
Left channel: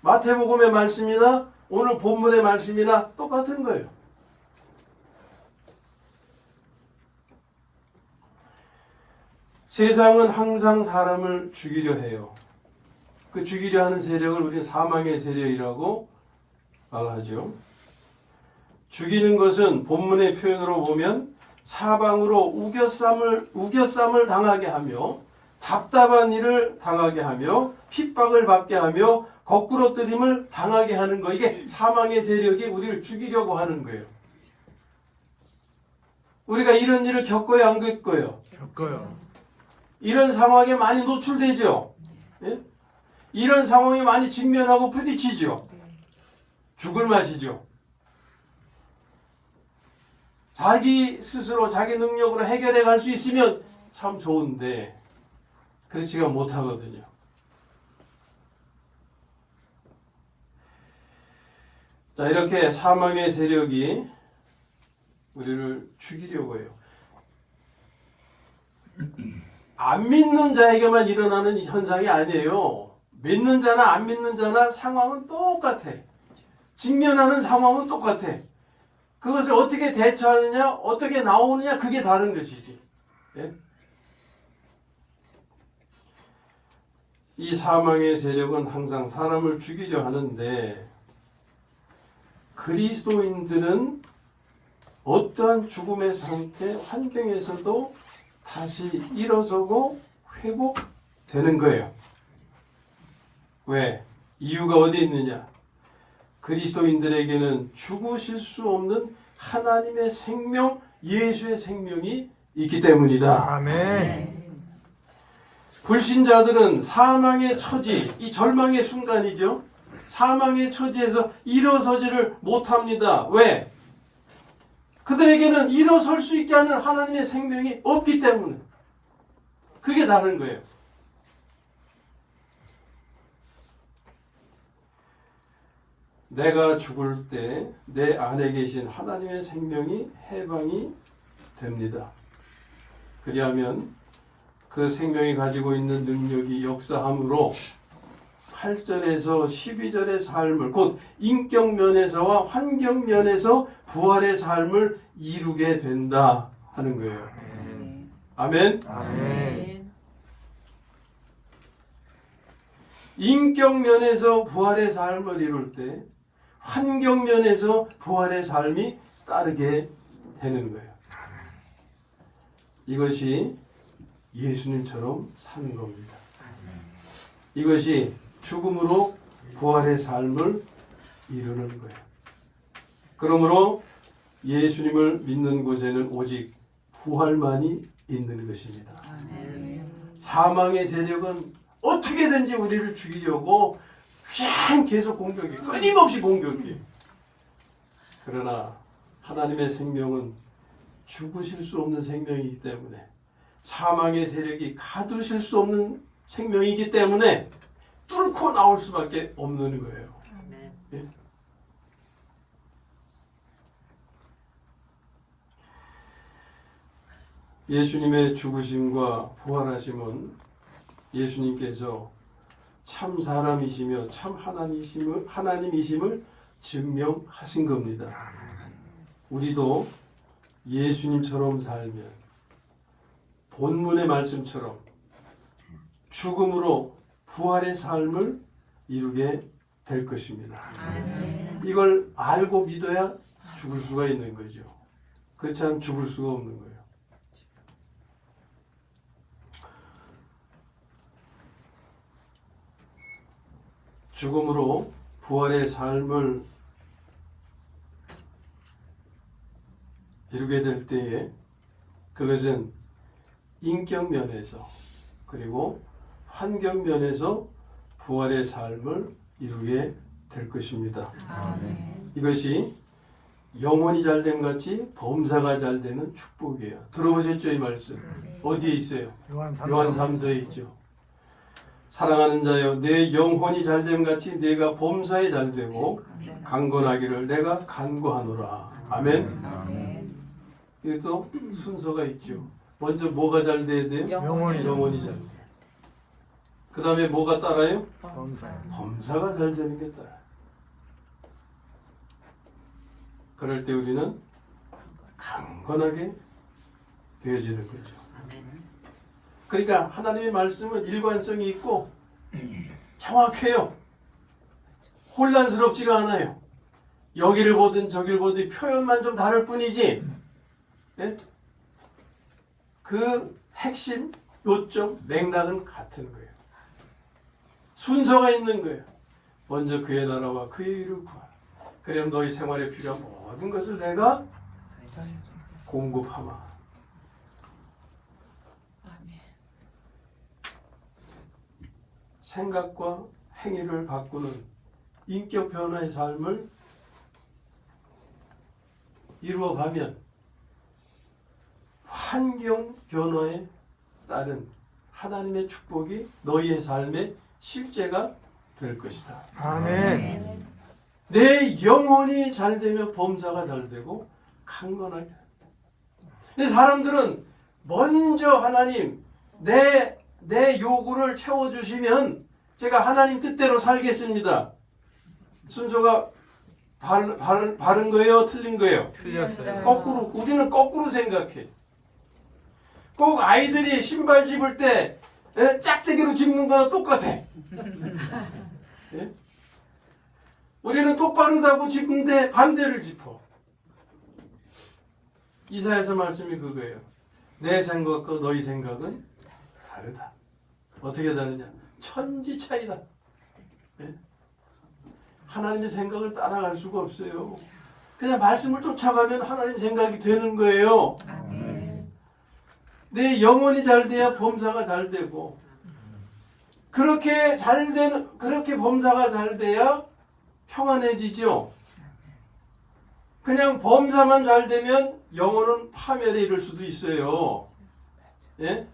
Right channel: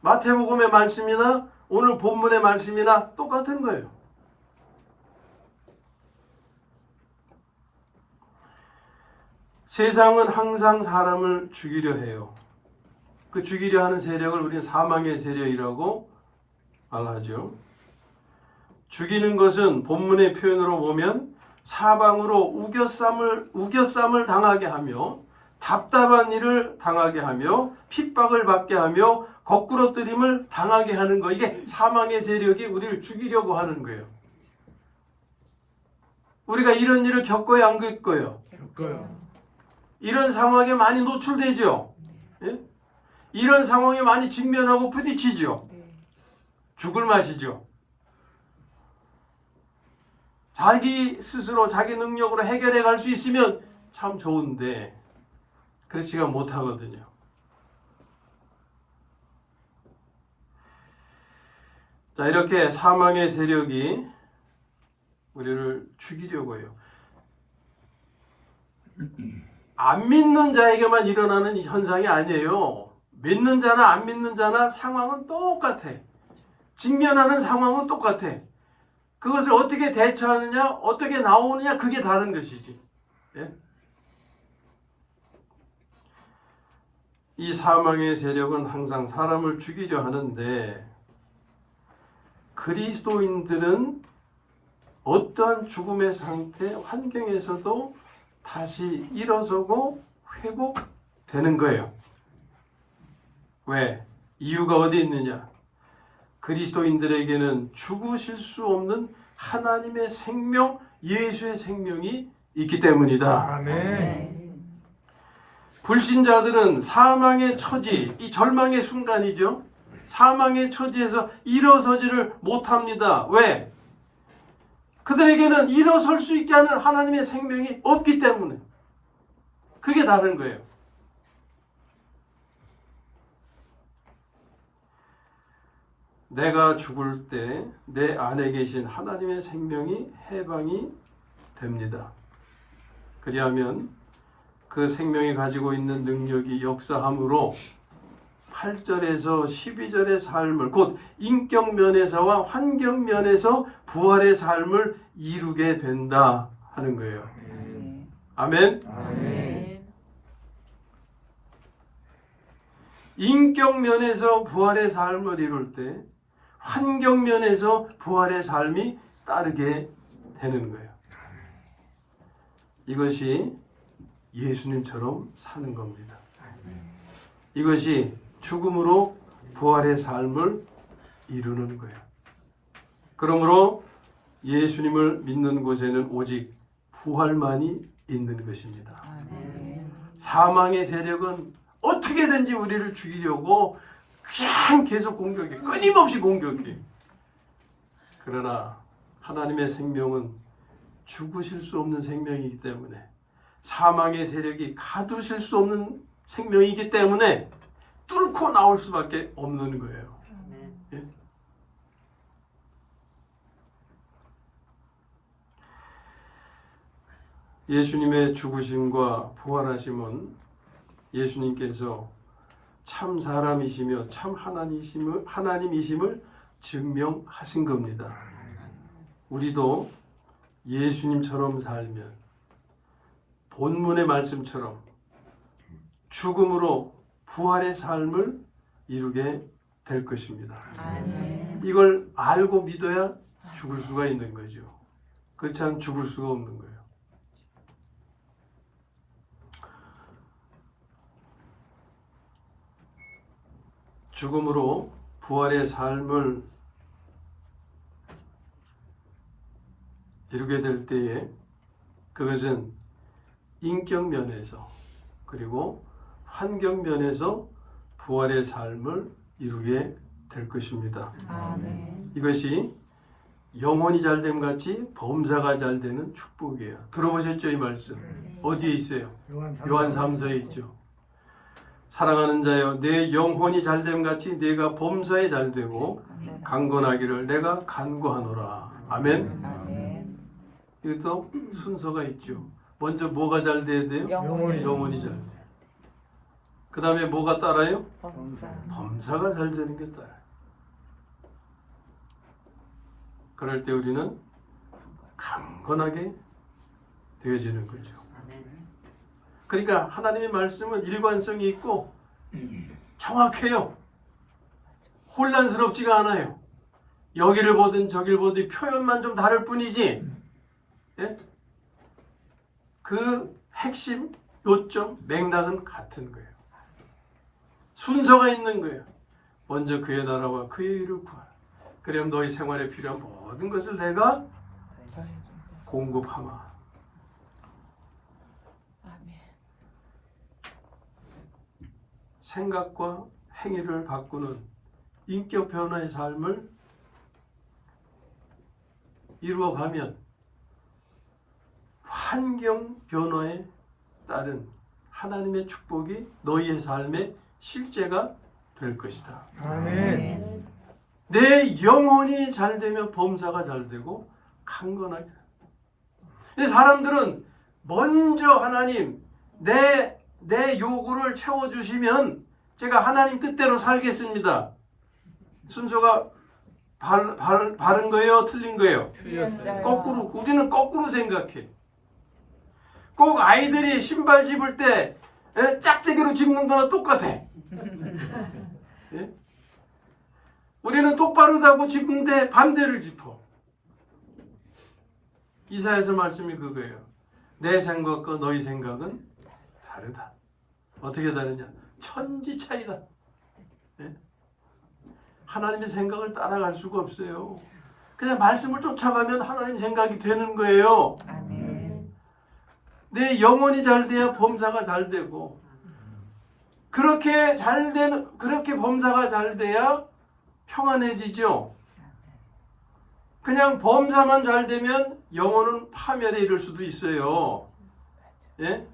마태복음의 말씀이나 오늘 본문의 말씀이나 똑같은 거예요. 세상은 항상 사람을 죽이려 해요. 그 죽이려 하는 세력을 우리가 사망의 세력이라고 말하죠. 죽이는 것은 본문의 표현으로 보면 사방으로 우겨쌈을 당하게 하며 답답한 일을 당하게 하며 핍박을 받게 하며 거꾸로 뜨림을 당하게 하는 거. 이게 사망의 세력이 우리를 죽이려고 하는 거예요. 우리가 이런 일을 겪어야 안 겪어요? 겪어요. 이런 상황에 많이 노출되죠. 예? 이런 상황에 많이 직면하고 부딪히죠. 죽을 맛이죠. 자기 스스로 자기 능력으로 해결해 갈 수 있으면 참 좋은데 그렇지가 못하거든요. 자, 이렇게 사망의 세력이 우리를 죽이려고 해요. 안 믿는 자에게만 일어나는 현상이 아니에요. 믿는 자나 안 믿는 자나 상황은 똑같아. 직면하는 상황은 똑같아. 그것을 어떻게 대처하느냐, 어떻게 나오느냐, 그게 다른 것이지. 예? 이 사망의 세력은 항상 사람을 죽이려 하는데 그리스도인들은 어떠한 죽음의 상태, 환경에서도 다시 일어서고 회복되는 거예요. 왜? 이유가 어디 있느냐? 그리스도인들에게는 죽으실 수 없는 하나님의 생명, 예수의 생명이 있기 때문이다. 아멘. 불신자들은 사망의 처지, 이 절망의 순간이죠. 사망의 처지에서 일어서지를 못합니다. 왜? 그들에게는 일어설 수 있게 하는 하나님의 생명이 없기 때문에. 그게 다른 거예요. 내가 죽을 때 내 안에 계신 하나님의 생명이 해방이 됩니다. 그리하면 그 생명이 가지고 있는 능력이 역사함으로 8절에서 12절의 삶을 곧 인격 면에서와 환경 면에서 부활의 삶을 이루게 된다 하는 거예요. 아멘. 아멘. 인격 면에서 부활의 삶을 이룰 때 환경 면에서 부활의 삶이 따르게 되는 거예요. 이것이 예수님처럼 사는 겁니다. 이것이 죽음으로 부활의 삶을 이루는 거예요. 그러므로 예수님을 믿는 곳에는 오직 부활만이 있는 것입니다. 사망의 세력은 어떻게든지 우리를 죽이려고 그냥 계속 공격해. 끊임없이 공격해. 그러나 하나님의 생명은 죽으실 수 없는 생명이기 때문에 사망의 세력이 가두실 수 없는 생명이기 때문에 뚫고 나올 수밖에 없는 거예요. 예? 예수님의 죽으심과 부활하심은 예수님께서 참 사람이시며 참 하나님이심을 증명하신 겁니다. 우리도 예수님처럼 살면 본문의 말씀처럼 죽음으로 부활의 삶을 이루게 될 것입니다. 이걸 알고 믿어야 죽을 수가 있는 거죠. 그렇지 않으면 죽을 수가 없는 거예요. 죽음으로 부활의 삶을 이루게 될 때에 그것은 인격 면에서 그리고 환경 면에서 부활의 삶을 이루게 될 것입니다. 이것이 영혼이 잘됨 같이 범사가 잘되는 축복이에요. 들어보셨죠? 이 말씀 어디에 있어요? 요한 3서에 있죠. 사랑하는 자여 내 영혼이 잘됨 같이 내가 범사에 잘되고 강건하기를 내가 간구하노라. 아멘. 이것도 순서가 있죠. 먼저 뭐가 잘 돼야 돼요? 영혼이 잘 돼요. 그 다음에 뭐가 따라요? 범사가 잘 되는 게 따라요. 그럴 때 우리는 강건하게 되어지는 거죠. 그러니까 하나님의 말씀은 일관성이 있고 정확해요. 혼란스럽지가 않아요. 여기를 보든 저기를 보든 표현만 좀 다를 뿐이지, 예? 그 핵심, 요점, 맥락은 같은 거예요. 순서가 있는 거예요. 먼저 그의 나라와 그의 일을 구하라. 그럼 너희 생활에 필요한 모든 것을 내가 공급하마. 생각과 행위를 바꾸는 인격 변화의 삶을 이루어가면 환경 변화에 따른 하나님의 축복이 너희의 삶의 실제가 될 것이다. 아멘. 내 영혼이 잘 되면 범사가 잘 되고 강건하게. 근데 사람들은 먼저 하나님 내 요구를 채워주시면 제가 하나님 뜻대로 살겠습니다. 순서가 바른 거예요? 틀린 거예요? 틀렸어요. 거꾸로. 우리는 거꾸로 생각해. 꼭 아이들이 신발 집을 때 짝짝이로 집는 거나 똑같아. 예? 우리는 똑바르다고 집는데 반대를 짚어. 이사야서 말씀이 그거예요. 내 생각과 너희 생각은 다르다. 어떻게 다르냐? 천지 차이다. 예? 하나님의 생각을 따라갈 수가 없어요. 그냥 말씀을 쫓아가면 하나님 생각이 되는 거예요. 내 영혼이 잘 돼야 범사가 잘 되고, 그렇게 범사가 잘 돼야 평안해지죠. 그냥 범사만 잘 되면 영혼은 파멸에 이를 수도 있어요. 예?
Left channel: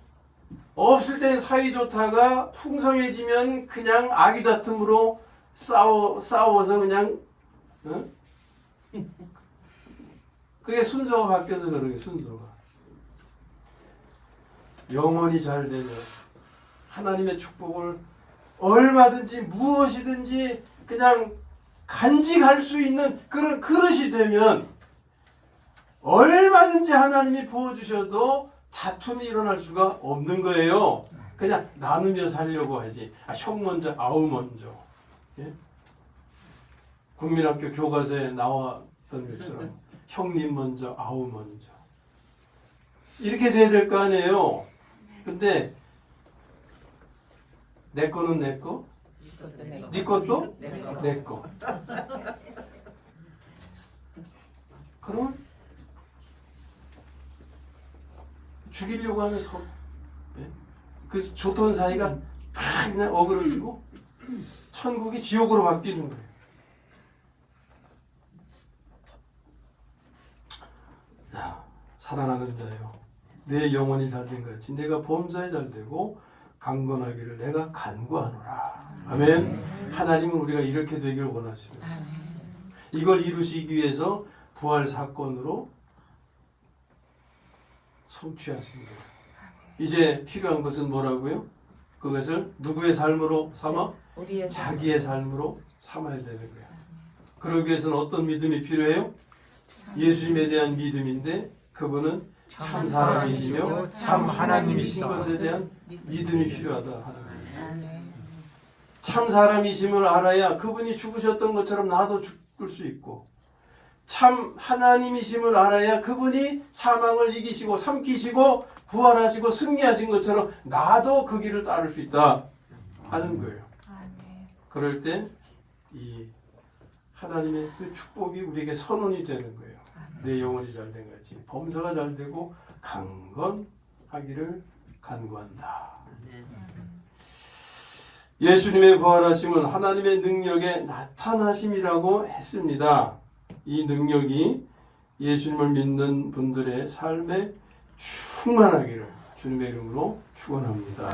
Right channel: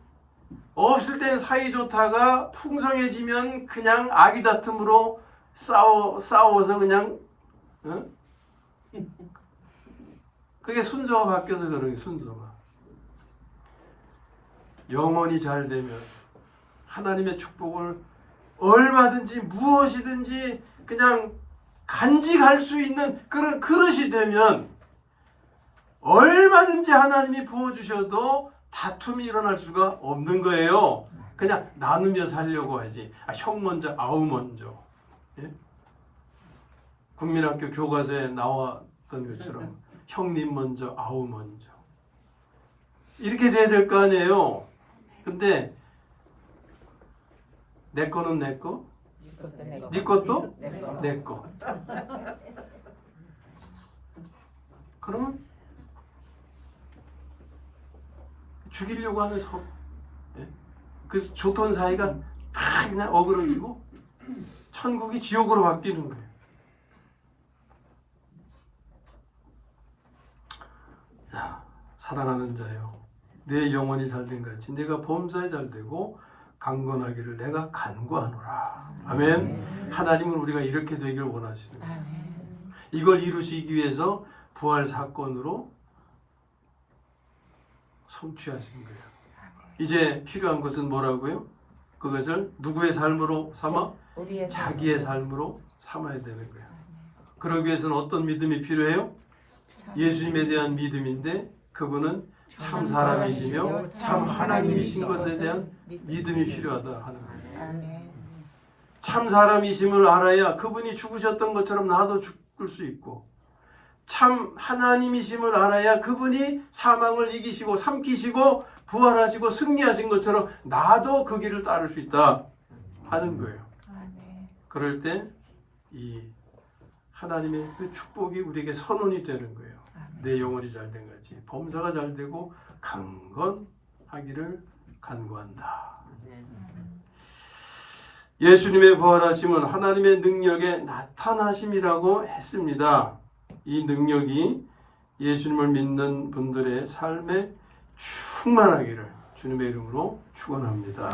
없을 땐 사이 좋다가 풍성해지면 그냥 아기다툼으로 싸워서 그냥 어? 그게 순서가 바뀌어서 그런 거예요. 순서가. 영혼이 잘 되면 하나님의 축복을 얼마든지 무엇이든지 그냥 간직할 수 있는 그런 그릇이 되면 얼마든지 하나님이 부어주셔도 다툼이 일어날 수가 없는 거예요. 그냥 나누며 살려고 하지. 형 먼저, 아우 먼저. 예? 국민학교 교과서에 나왔던 것처럼 형님 먼저, 아우 먼저. 이렇게 돼야 될 거 아니에요. 근데 내 거는 내 거, 네 것도 내 거. 그럼 죽이려고 하는 서. 예? 그래서 좋던 사이가 다 그냥 어그러지고 천국이 지옥으로 바뀌는 거예요. 야, 사랑하는 자요, 내 영혼이 잘된 같이 내가 범사에 잘되고 강건하기를 내가 간구하노라. 아멘. 하나님은 우리가 이렇게 되길 원하십니다. 이걸 이루시기 위해서 부활 사건으로 성취하신 거예요. 이제 필요한 것은 뭐라고요? 그것을 누구의 삶으로 삼아? 자기의 삶으로 삼아야 되는 거예요. 그러기 위해서는 어떤 믿음이 필요해요? 예수님에 대한 믿음인데 그분은 참 사람이시며 참 하나님이신 것에 대한 믿음이 필요하다 하는 거예요. 참 사람이심을 알아야 그분이 죽으셨던 것처럼 나도 죽을 수 있고, 참 하나님이심을 알아야 그분이 사망을 이기시고 삼키시고 부활하시고 승리하신 것처럼 나도 그 길을 따를 수 있다 하는 거예요. 그럴 때 이 하나님의 그 축복이 우리에게 선언이 되는 거예요. 내 영혼이 잘된 같이 범사가 잘되고 강건하기를 간구한다. 예수님의 부활하심은 하나님의 능력의 나타나심이라고 했습니다. 이 능력이 예수님을 믿는 분들의 삶에 충만하기를 주님의 이름으로 축원합니다.